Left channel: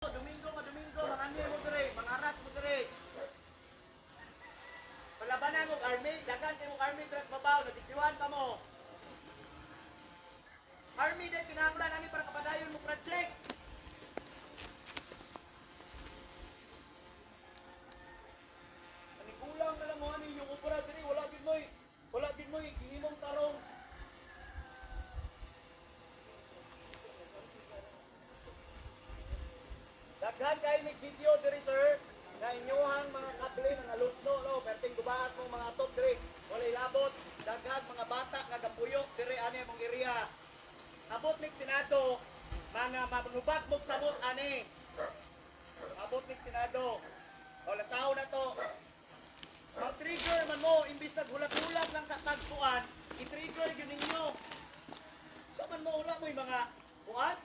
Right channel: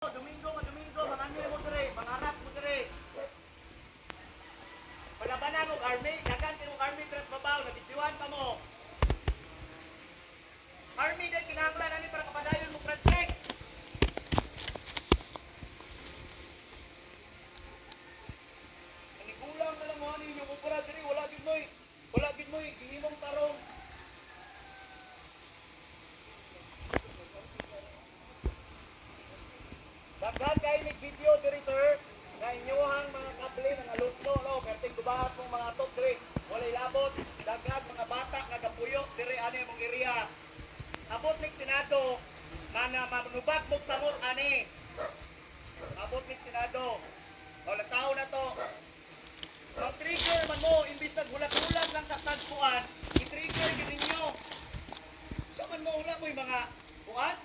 Domingo, mangani mo dire, mangaras mo dire. Palabanan mo army, dagan kay mong army dress babaw, nabitiwan pa mo. Army din kinahanglan ani para kapadayon mo project. Ani kulang na lang mo ani yung opera dire, wala gid moy gihimong tarong. Daghan kay ni video diri sir. Na inyohang mga kable nga alusno no, perting gubahas mong mga top diri. Walay labot, daghan mga bata nga gapuyok diri ani mong area. Abot nig Senado na manubag mo samot ani. Abot nig Senado. O tao na to. Mag-trigger man mo imbis naghulat-hulat lang sa tagpuan, i-trigger gyud ninyo. Sa man mo wala mo yung mga buwan?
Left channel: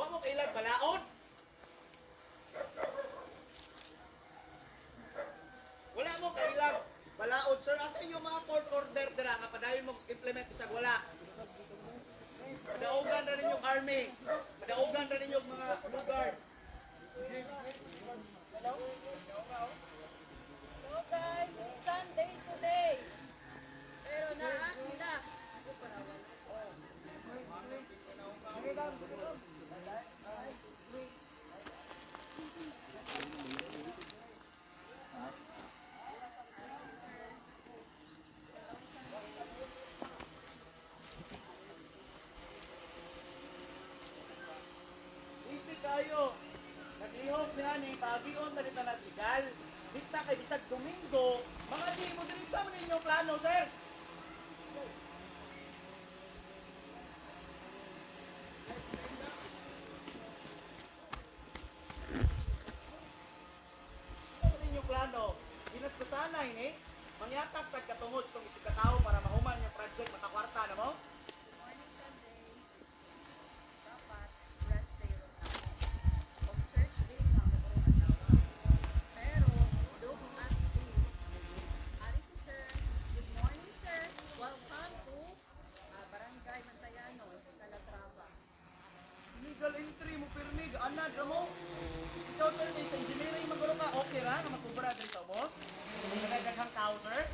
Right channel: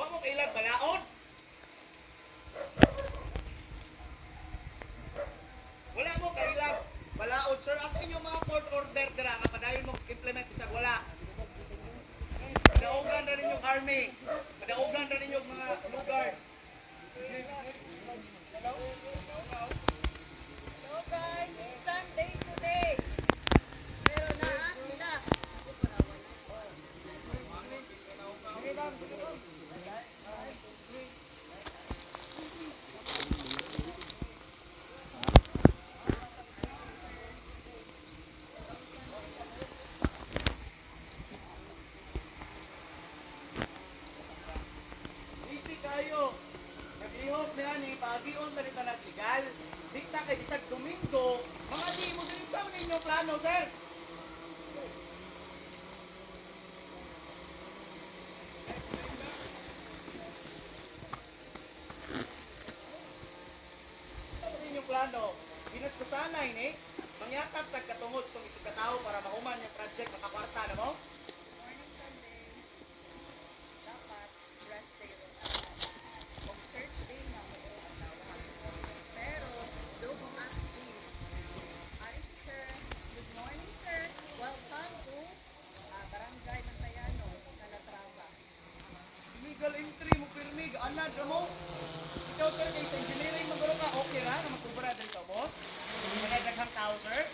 Wa mo kailag balaod? Wala mo kailang balaod sir. Asa inyo mga court order dira nga padayon mo implement bisag wala. Madaugan ra ninyong army. Madaugan ra ninyong mga lugar. Hello guys, Sunday today. Pero naa sila. Easy kayo. Naglihok na ni pagion ta nita naglegal. Dikta kay bisag Domingo, mga di mo din sa man inyong plano, sir. Ano inyong plano? Ginaskusanay ni mangyatag tagkatungod sa isig katao para mahuman yung project makakwarta na mo? Morning Sunday. Dapat rest day ron ako. Og church day nga mo ro adlaw. Pero look at this. Ari si sir. Good morning sir. Welcome to Barangay Mantayanon, Calatrava. Illegal entry mo pirmig, anad ra mo. Ikaw sir, kay sa engineering maguro ka, okay ra nga makubra din sa boss? Nagadaghang tao sir?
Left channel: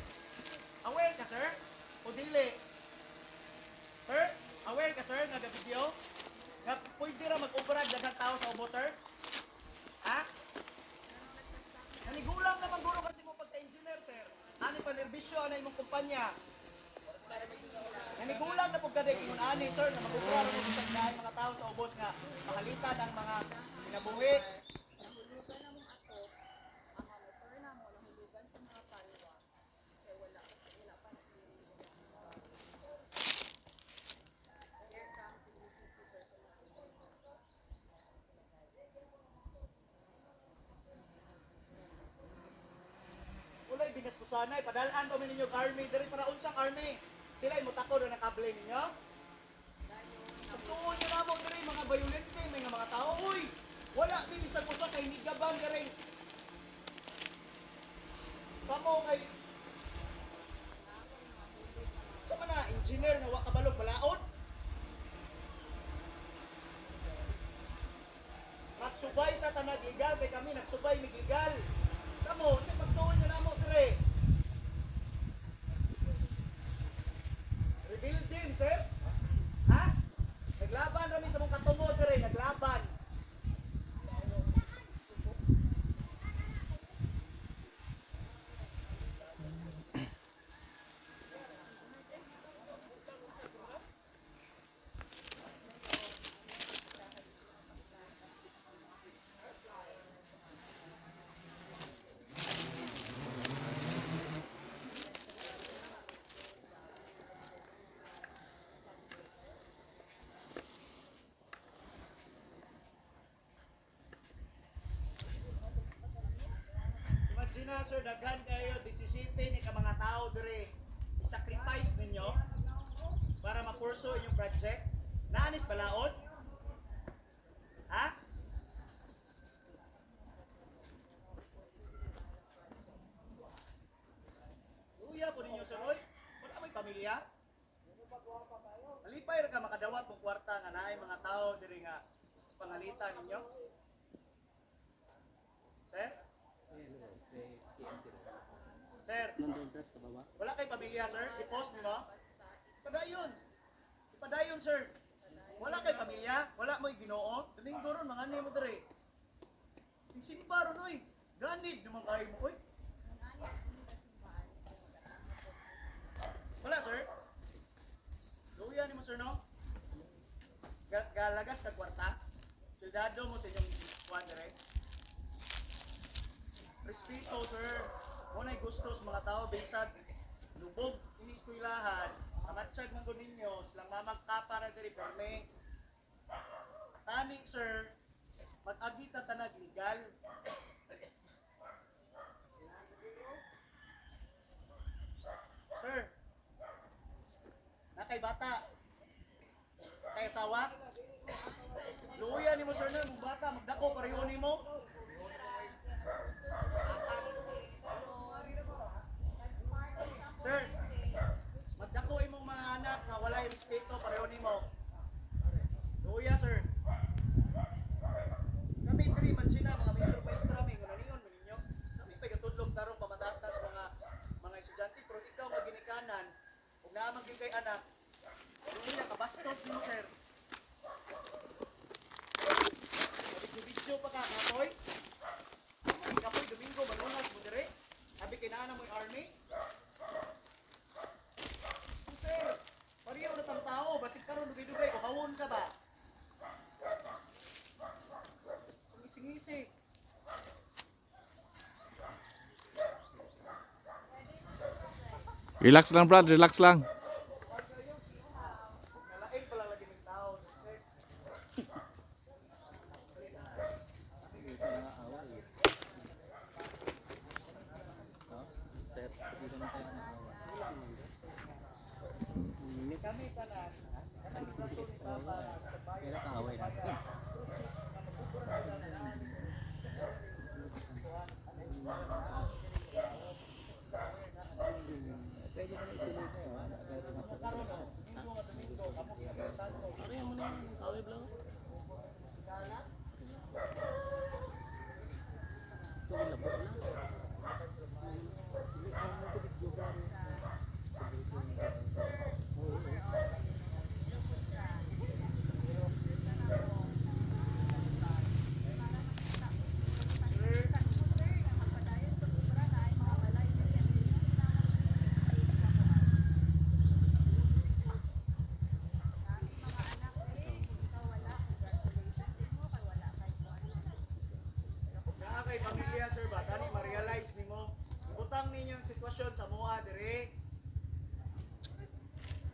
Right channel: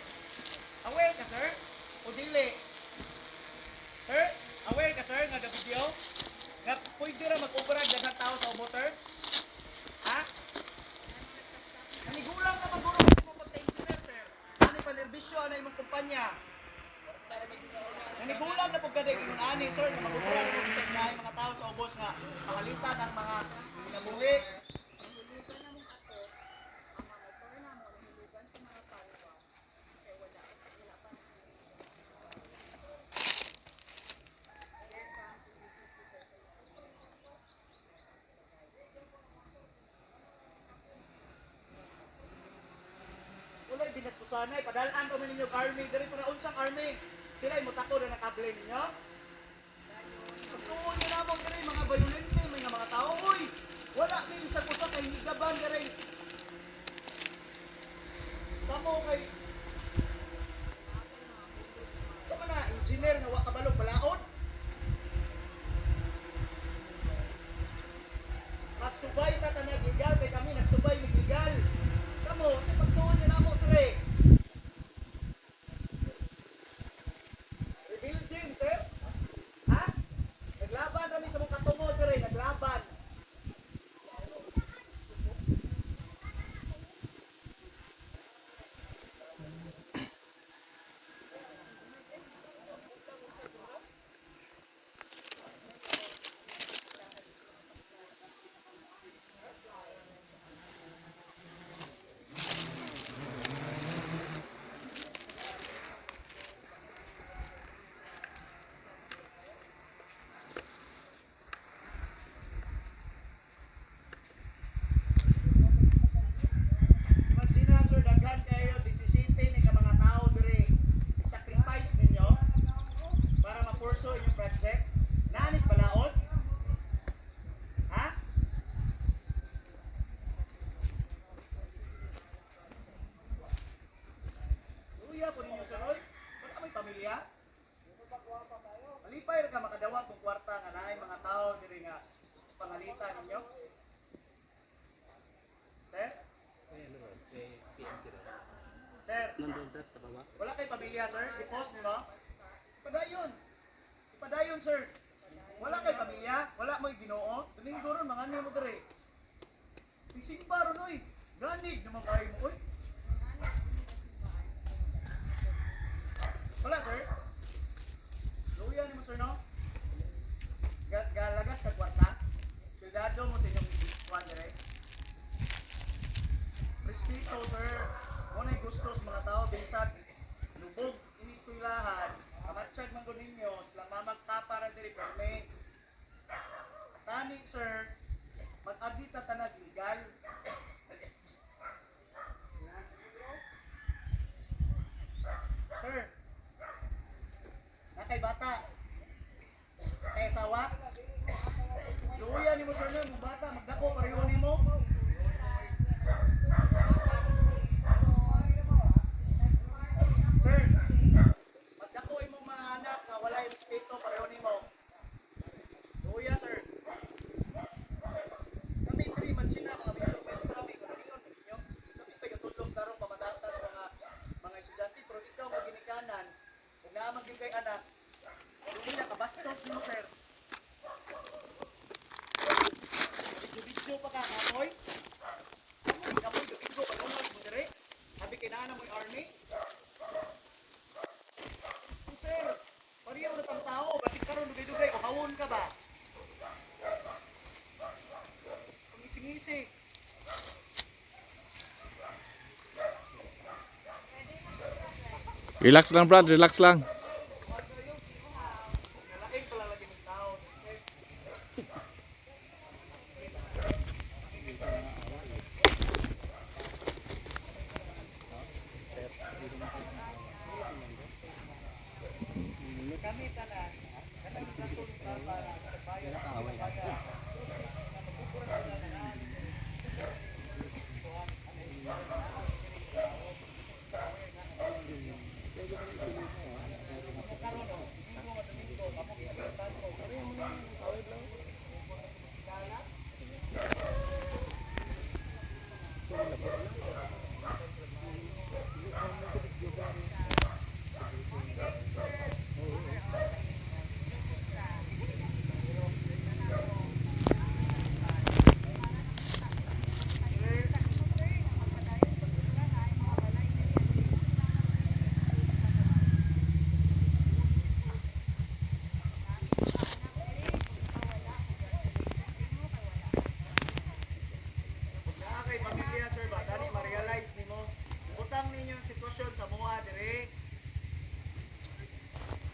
Aware ka sir? O dili? Sir, aware ka sir nga video? Nga pwede ra mag-ubra daghang tao sa ubos sir? Ha? Nanigulang na maguro kasi mo pagka-engineer sir. Ano pa nerbisyo na imong kumpanya? Nanigulang na pagkadag ingon ani sir nga magubra ra mo bisag naay mga tao sa ubos nga mahalitan ang mga kinabuhi. Nahulugan na mong ako. Ang mga motor na mo nahulugan sa mga palwa. Kaya wala pa na. Here comes the music teacher sa iyo. Ulay binastusanay, padalaan pa man ninyo army, diri para unsang army. Sila ay mutako na nakable ninyo. Pagtuon nyo namang diri, mga violente, may nga mga tao. Uy! Wala din sa puso kay higaban diri. Kamo kay... Sa mga engineer na wakabalog balaod? Magsubay ta tanag legal, kay kami nagsubay legal. Kamo, sa pagtuon nyo namang diri. Rebuilding, sir? Ha? Naglaban kami sa mong katungod dire, naglaban. Imagine na, sir, daghan kayo, 17 ni ka mga tao dire. I-sacrifice ninyo para ma-pursue inyong project. Naanis balaod? Ha? Luya po ninyo, sir, oy. Wala may pamilya? Malipay ra ka makadawat kung kwarta nga naay mga tao diri nga pangalitan ninyo. nandun sir sa baba. Wala kay pamilya, sir? I-post mo? Ipadayon. Ipadayon, sir. Wala kay pamilya? Wala mo'y Ginoo? Domingo ron, mga ano mo dire. Isimba ron, oy. Ganid naman kayo mo, oy. Wala, sir? Luya ni mo, sir, no? Galagas ka kwarta? Cuidado mo sa inyong kuwan dire. Respeto, sir. Muna'y gusto sa mga tao, bisag lubog iniskwelahan, kamatsyag man gud ninyo, silang mamagtapa na diri perme. Tani, sir, mag-agi ta tanag legal. Sir, nakay bata, kay asawa, luya ni mo, sir, na mong bata, magdako pareho ni mo. Sir, magdako imong mga anak nga wala yung respeto pareho nimo. Luya, sir. Kami diri man sila mga maestro mi kuningon mo ninyo. Kami pa gatudlong tarong pamatasan sa mga estudyante pero ikaw maginikanan ug naamang gyud kay anak. Luya ka bastos nimo, sir. Video pa ka kapoy. Kapoy Domingo balunas mo dire. Sabi kay naa mo army. Sir, pariya mo na tang tao, basig karon dugay-dugay o hawon ka ba? Pangising-isig. Relax lang Brad, relax lang. Nalaing pala lagi ng tao. Okay? Kami tanan, kanang rason pa para sa bayan sa bayan. Na magkukuran sila ng ani. Kuan, ano yung karon o, Domingo nga Domingo, kamo giabertan ko. Ano mo na kaway lang? Kala? Naa kay pamilya, sir, ba? Dali ma-realize nimo. Butang ninyo ang sitwasyon sa mua dire.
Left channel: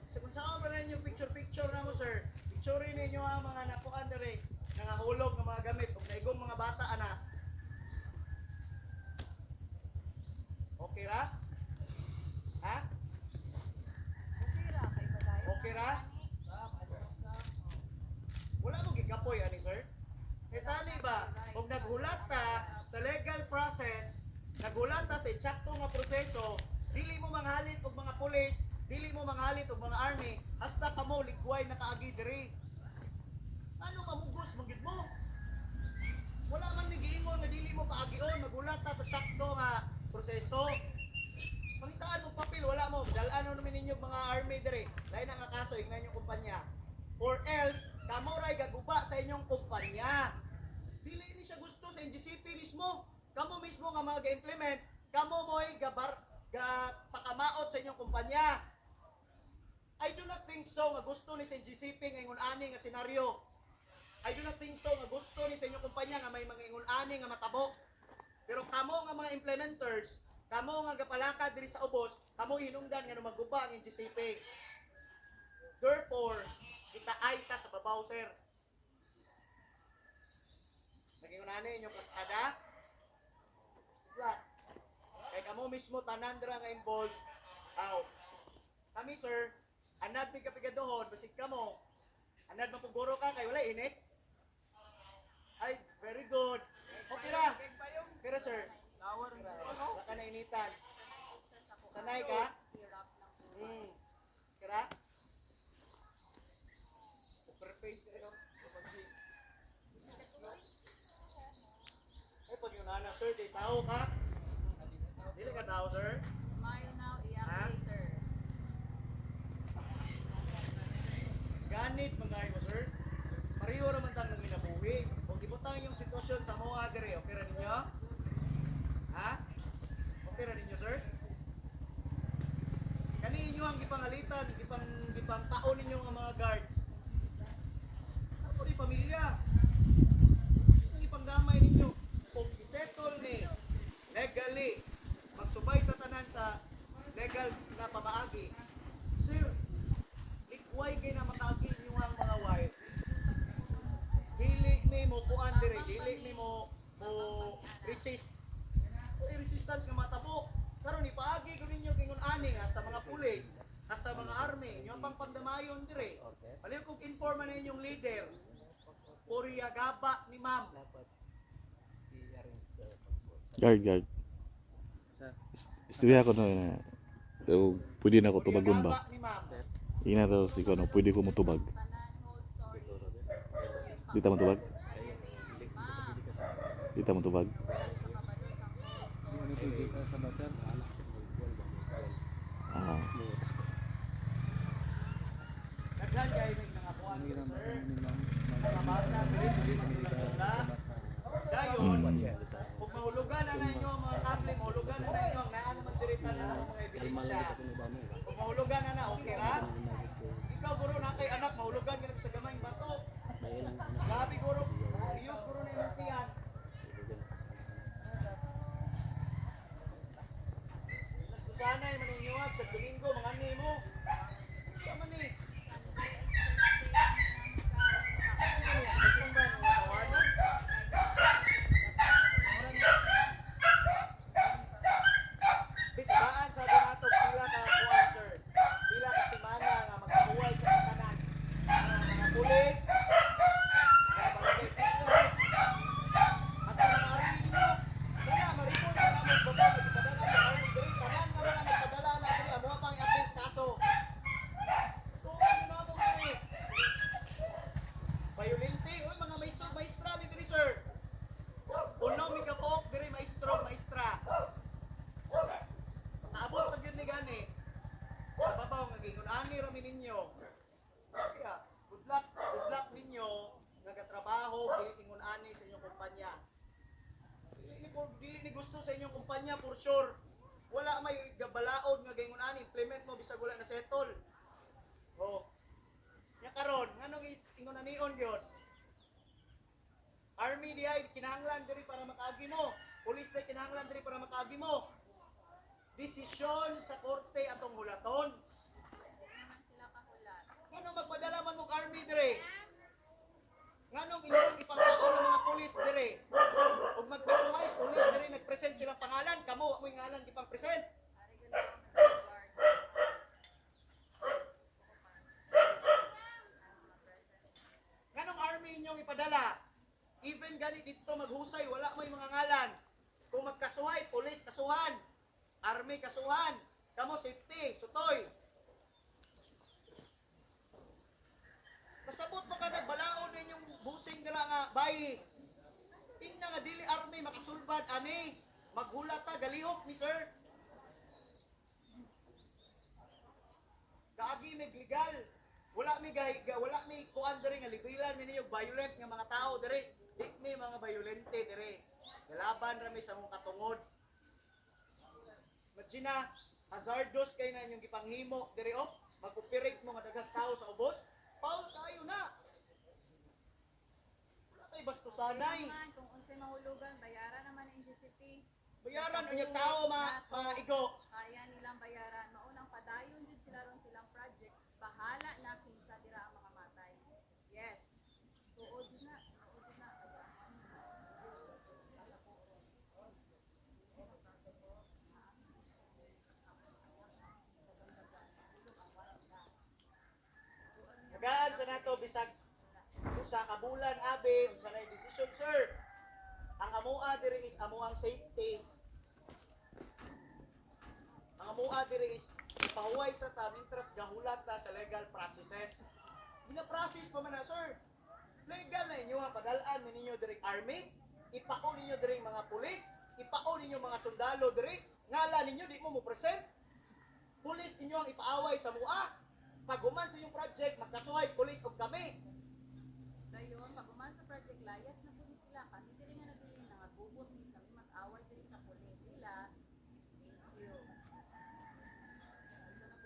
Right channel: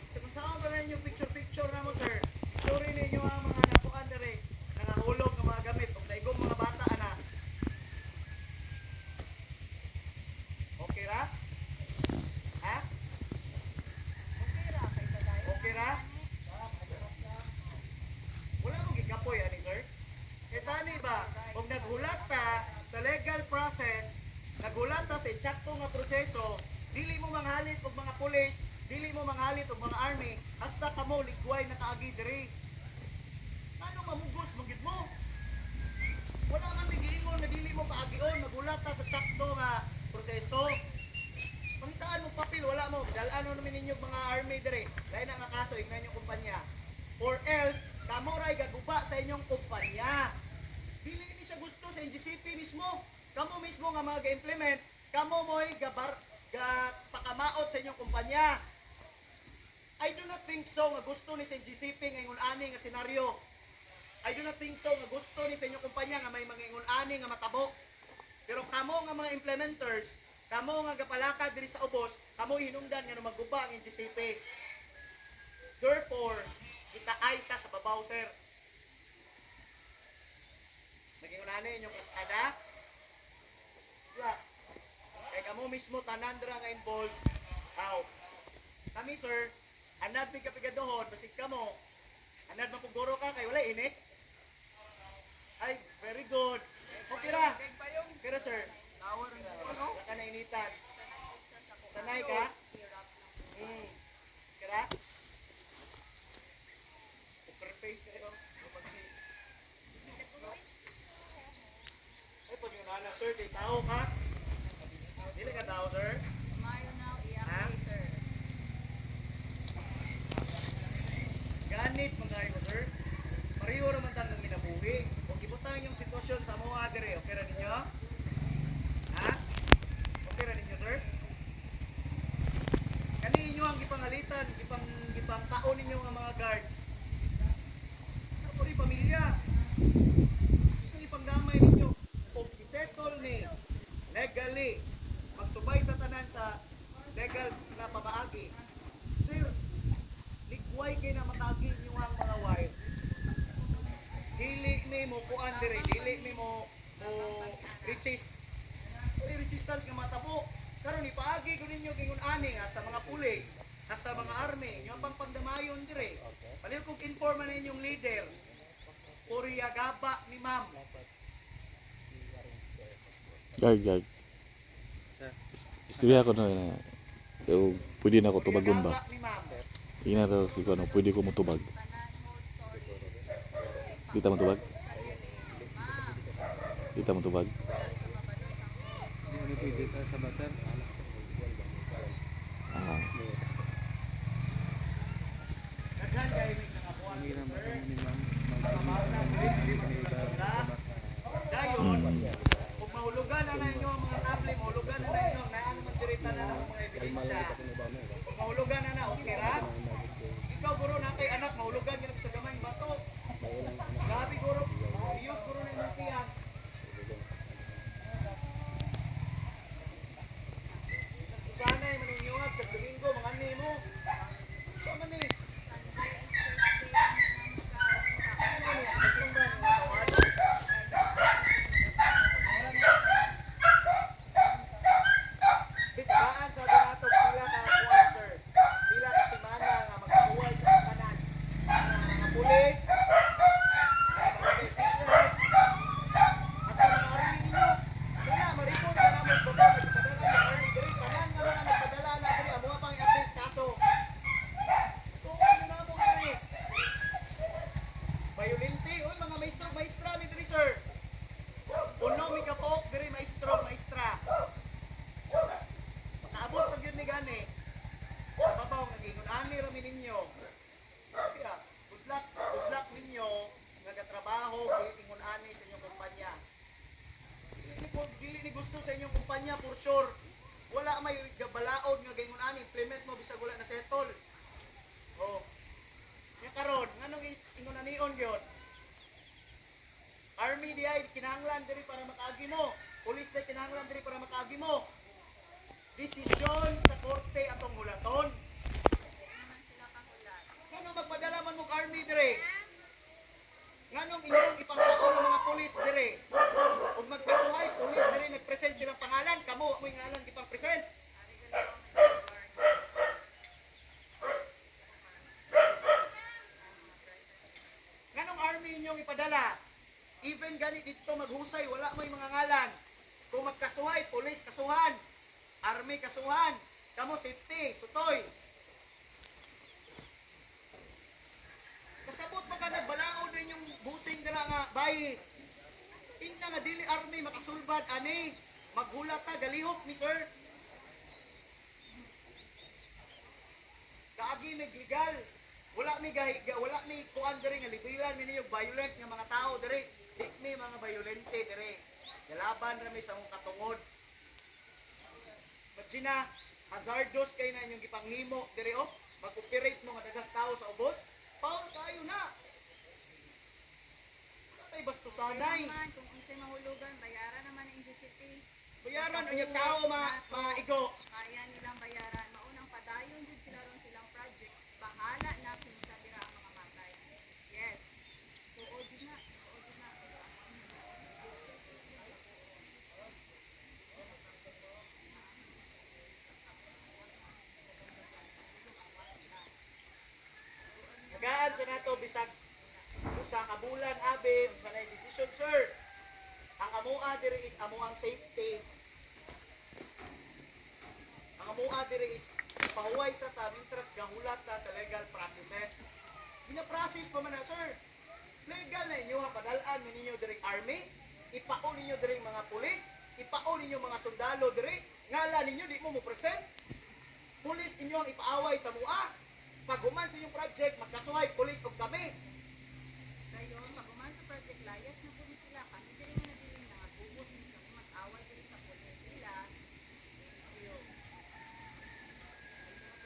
Sa kung saan ba ninyo picture na mo, sir? Picture ninyo ang mga nakuan dire. Nangahulog ng mga gamit ug naigong mga bata ana. Okay ra? Ha? Okay ra? Wala mo gikapoy ani, sir. E tani ba, kung naghulat ta sa legal process, naghulat ta sa eksakto nga proseso, dili mo manghalit og mga pulis, dili mo manghalit og mga army, hasta kamo ligway na kaagi diri. Ano mamugos magid mo? Wala man migiingon na dili mo paagion, naghulat ta sa eksakto nga proseso. Pangitaan mo papel, wala mo, dalaan mo namin ninyo mga army diri. Dahil na nga kaso, ignan yung kumpanya. Or else, kamo ray gaguba sa inyong kumpanya. Dili ni siya gusto sa NGCP mismo. Kamo mismo nga mga ga-implement, kamo mo'y pakamaot sa inyong kumpanya. I do not think so nga gusto ni sa NGCP nga ingon-ani nga senaryo. I do not think so nga gusto ni sa inyong kumpanya nga may mga ingon-ani nga matabo. Pero kamo nga mga implementers, kamo nga gapalakad diri sa ubos, kamo hinungdan nga maguba ang NGCP. Therefore, kita ay ta sa babaw, sir. Nagingunani inyong kasada. Diba? Kaya kamo mismo tanan dira nga involved. Out. Kami, sir, anad pigadohon, basig kamo. Anad mapuguro ka kay wala init. Ay, very good. Okay ra. Pero sir, wala ka na initan. Sanay ka? Kira? Face kayo. Ay, pag yun na, sir, kay tao ka? Dili ka tao, sir? ganit mga mo sir. Pareho naman tang nang minabuhi. Kung ibutang yung sitwasyon sa mga dire, okay ra ninyo? Ha? Okay ra ninyo sir? Kani inyo ang gipangalitan, gipang taon ninyo nga mga guards. Ako rin pamilya. Ang ipangdamay ninyo. Kung isettle ni legally, magsubay tatanan sa legal na pamaagi. Sir, likway kayo na matagi nyo ang mga wife. Dili ni mo kuan dire, dili ni mo resist. May resistance nga matabo. Karon ipaagi ko ninyo kingon ani hasta mga pulis, hasta mga army, inyo pang pagdamayon dire. Paliw kog informa na inyong leader. Puriya gaba ni ma'am. Guard. Istorya ko na pwede na ako tubagon ba? Gaba ni ma'am. Ina daw si ko pwede ko motubag. Tanan whole story. Di ta motubag? Sa diri, ma'am. Di ta motubag. Wala ka mabalo sa whole story. Ano pwede ka sa batar? Ah, Daghan kay may nangabuan Ang hirap sir. ni ma'am. Mamata diri diri magtulad-tula. Dayon, kung mahulugan na inyo ang mga tablet, mahulugan na inyo ang naan naman dirita na ang mga ebidensya. Kung mahulugan na okay ra? Ikaw guro na kay anak, mahulugan ka sa gamay bato. Grabe guro, Diyos guro na imong tiyan. Susanay maningyuhat sa Domingo, mga nimo. Sa man ni? Sunday and Thursday naman ka sa Ano ni? Sa simbahan, mga tawanan. Bitbaan sa donato pila ka kuan sir. Pila ka semana nga magkahuway sa tanan. Mga pulis, mga officials, hasta mga army ninyo. Kana maripon na namo sa baba nagpadala ng army diri tanan nga mga nagpadala na diri amo pang i-appeal sa kaso. Tuon na mo diri. Violente, oy mga maestra mi diri sir. Uno mi kapok diri maestra. Naabot pag yun ni gani. Sa babaw nga gingon ani ra mi ninyo. Kaya good luck ninyo nga gatrabaho gingon ani sa inyong kumpanya. Dili ni gusto sa inyong kumpanya for sure. Wala may gabalaod nga gingon ani implement mo bisag wala na settle. Oh. Nya karon nganong ingon anion gyud? Army diay kinahanglan diri para makaagi mo. Police diay kinahanglan diri para makaagi mo. Desisyon sa korte atong hulaton. Hindi naman sila kahulat. Nganong magpadala man mong army dire? Nganong inyong ipangkaon ng mga pulis dire? Ug magkasuhay pulis dire nagpresent silang pangalan, kamo mo ngalan ipang present. Ari gali ko man yung guard. Nganong army inyong ipadala? Even gani dito maghusay wala may mga ngalan. Kung magkasuhay pulis kasuhan, army kasuhan, kamo safety, sutoy. Kasabot pa ka nagbalaod na inyong busing dira nga bayi. Tingna nga dili army makasulbad ani. Maghulat ta galihok ni sir. Kaagi legal. Wala mi kuan diri nga libilan mi ninyo violent nga mga tao diri. Di mi mga violente diri. Galaban ra mi sa mong katungod. Magina hazardous kay na inyong gipanghimo diri oh. Mag-operate mo nga daghang tao sa ubos. Paul kayo na. Wala tayo bastusanay. Naman, kung unsay mahulugan, bayaran naman ang GCP. Bayaran ang yung tao maigo. Kaya nilang bayaran. Maunang padayon jud sila ron silang project. Bahala na kung sa dira ang mga matay. Yes. Tuod yun na. Nagaan sa nato bisag usa ka bulan abi unsa nay decision sir. Ang amoa diri is amoang safety. Ang amoa diri is pahuway sa ta mintras gahulat ta sa legal processes. Gina-process pa man na sir. Legal na inyo ha padalaan mi ninyo diri army, ipaon ninyo diri mga pulis, ipaon ninyo mga sundalo diri, ngala ninyo di mo present. Pulis inyo ang ipaaway sa mua. Pag human sa inyong project, magkasuhay, pulis o kami. Dayon, pag uman sa Project Layas na po ni sila, kami diri nga nabiling na bubot ni kami mag-away diri sa pulis sila. Yun.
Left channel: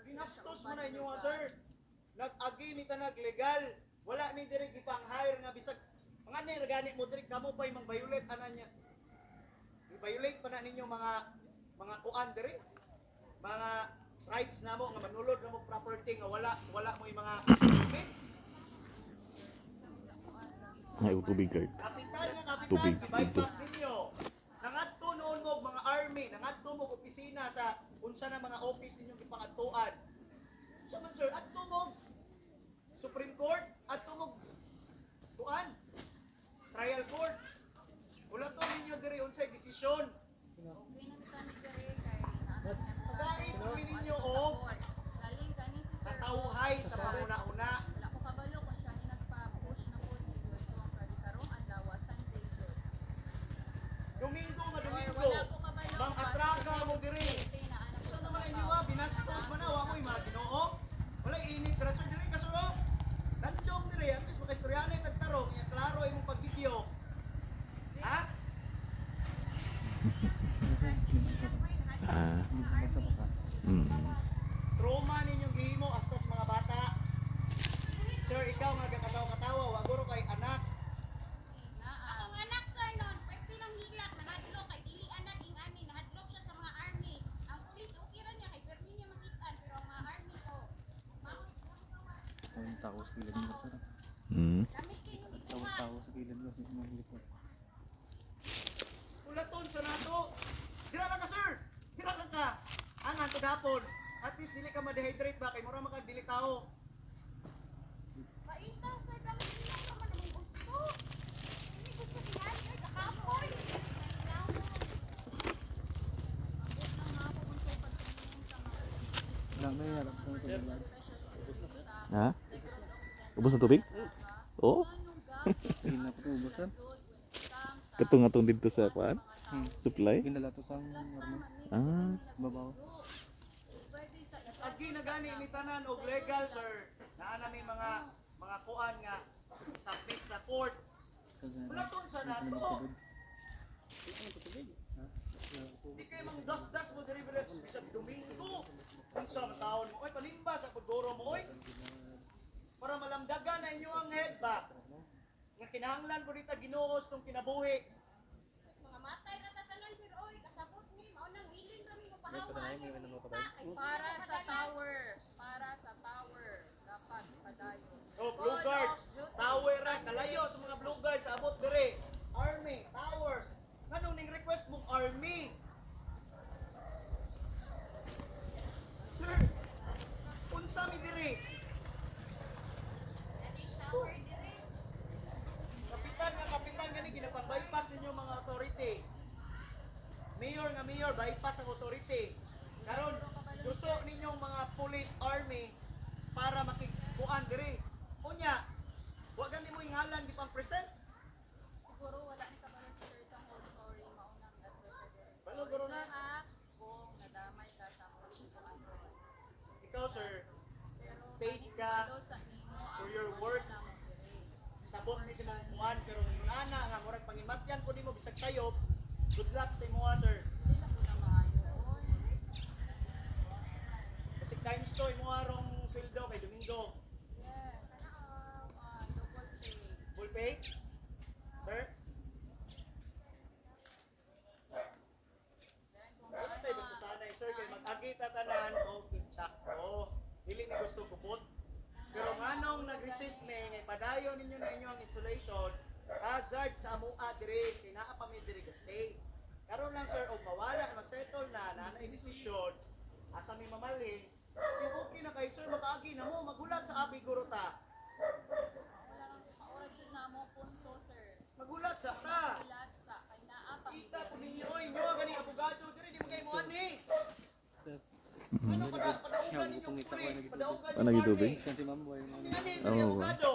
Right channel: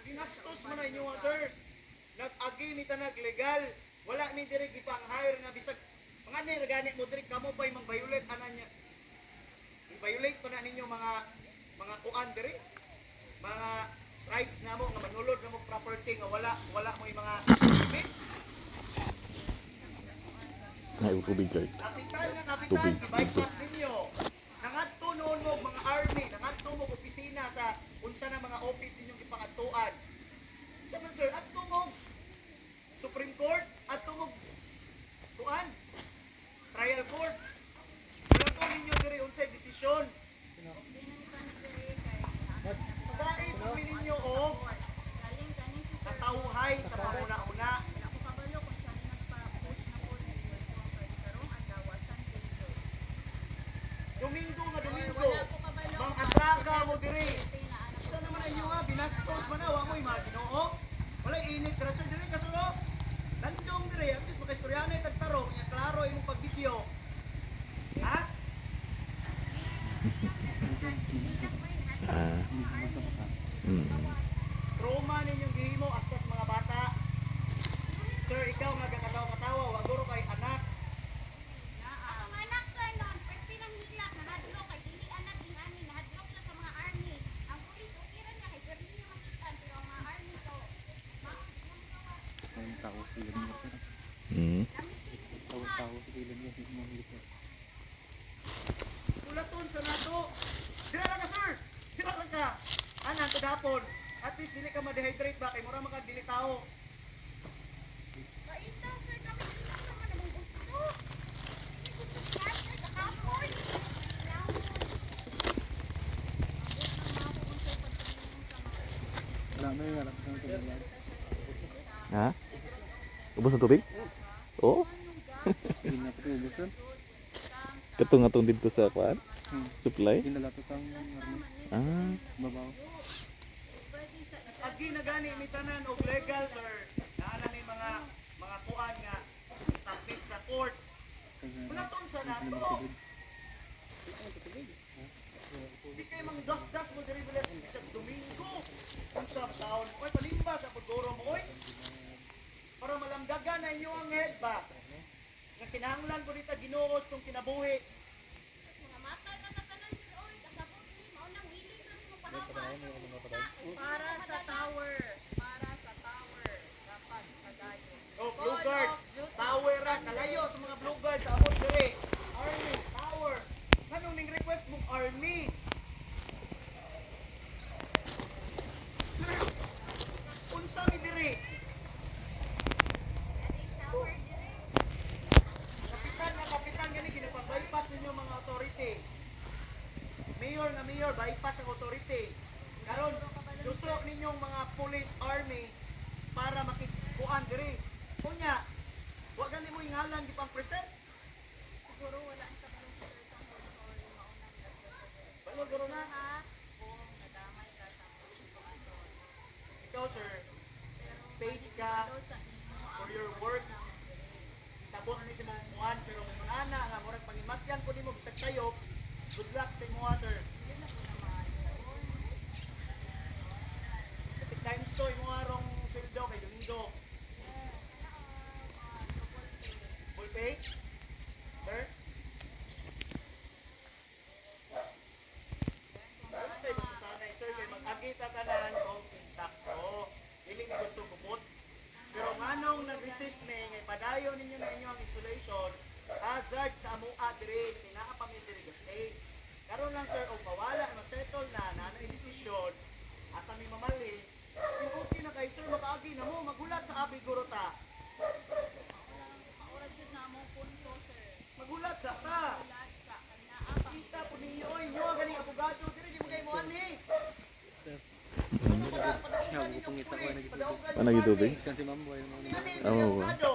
Ginastos mo na inyo nga, sir. Nag-agi mi tanag legal. Wala mi diri gipang-hire nga bisag mga ni gani mo diri kamo pa'y mang-violate ana niya. I-violate pa na ninyo mga kuan diri. Mga rights namo nga manulod na mo property nga wala mo yung mga permit. Ay, tubig card. Kapitan nga Tubig, kapitan, i-bypass ninyo. Nangadto noon mo mga army, nangadto mo opisina sa unsa na mga office inyong ipangatuan. Sa man sir, adto mo Supreme Court, adto mo tuan. Trial court. Wala to ninyo diri unsay desisyon. Okay na ni kami diri kay Pagkain mo ninyo og galing kani si Sir. katawhay sa panguna-una. Wala ko kabalo kung siya ni nagpa-push na po ni Westong kay karong adlaw Sunday. Domingo nga Domingo. Wala ko kabalo. Mang atraka mo diri. Sa naman inyo nga binastos man na wa mo mga Ginoo. Wala init ra sir diri kasulo. Landong diri at least makaistoryanay tagtarong ya klaro imong pagvideo. Ha? Ah. Trauma ninyong gihimo asas mga bata. Sir, ikaw nga kakatawa-katawa, wa guro kay anak. Ang anak sir nun, pwede nang hilak, nahadlok, kay dili anak ing ani, nahadlok siya sa mga army. Ang pulis, okay rin niya, kay pwede niya makitaan, pero ang mga army to, Tahu sila niya sir. Hmm. damit ko yung ikuhan. Tahu sila niya sa mga militer. Ulaton sa nato. Dira lang ka, sir. Dira lang ka. Anan to hapon. At least dili ka ma-dehydrate ba kay mura man ka dili tao. Baita sir, kami hilak naman namang gusto. Hindi gusto yan, sir, kakapoy. Kailangan. Wala na yan. Wala na yan. Ha? Ubos na tubig? Oh? Hindi na ito ubos sir. Katong atong dito sa kuan? Supply? Hindi na lato sa army. Ah. Babaw. Agi na gani mi tanan og legal, sir. Naa na may mga kuan nga submit sa court. Ulaton sa nato. Di kay mang das-das mo diri bilet bisag Domingo. Unsa taon mo? Oy palimba sa pagduro mo oy. Para malamdagan na inyo ang head ba? Nga kinahanglan ko dita Ginoo tong kinabuhi. Mga matay na tatanan sir, oy, kasabot ni, maunang willing kami mapahawas. Para sa tower. Para sa tower. Dapat padayon. Oh, Blue Guards, tower ra kalayo sa mga Blue Guards abot dire. Army, tower. Nganong ning request mong army? Sir, unsa mi dire? Sour dire. Kapitan gani ginapag-bypass ninyo mga authority. Mayor nga mayor, bypass ang authority. Karon, gusto ninyong mga police army para makikuan diri. Kunya, wa gani mo ingalan di pang present. Siguro wala ni kabalo si Sir sa whole story maunang advocate. Balo guro na. Ha? Kung nadamay ka sa mga sitwasyon. Ikaw sir, Pero paid ka kabalo sa imo ang for your work. ng diri. Sabot ni si mong kuan pero kung ana nga murag pangimatyan ko nimo bisag sayop. Good luck sa imo sir. Dili na po na maayon. Kasi times to imo arong sweldo kay Domingo. Yes. Double pay. Full pay? Sir? Ano tayo gusto sanay, sir? Kaya mag-agita tanan o insakto. Dili ni gusto gubot. Pero nganong nag-resist ni, ngay padayon ninyo na inyo ang insulation, hazard sa amua diri, tinaa pa mi diri stay. Karon lang sir, og mawala, ma-settle na, nanay desisyon, asa mi mamali, okay na kay sir, makaagi na mo, magulat sa abi guro ta. Maurag yun na mo punto, sir. Magulat sa ta. Ulat sa kay naapa Kita po ninyo, oy, nyo ganing abogado, diri di mo kayo mo ani. Sir. Ano padaugan ninyo Pangita ko pulis, na padaugan Ano gitubig? Siya si ma'am. Wala Ni ani, Oo. abogado.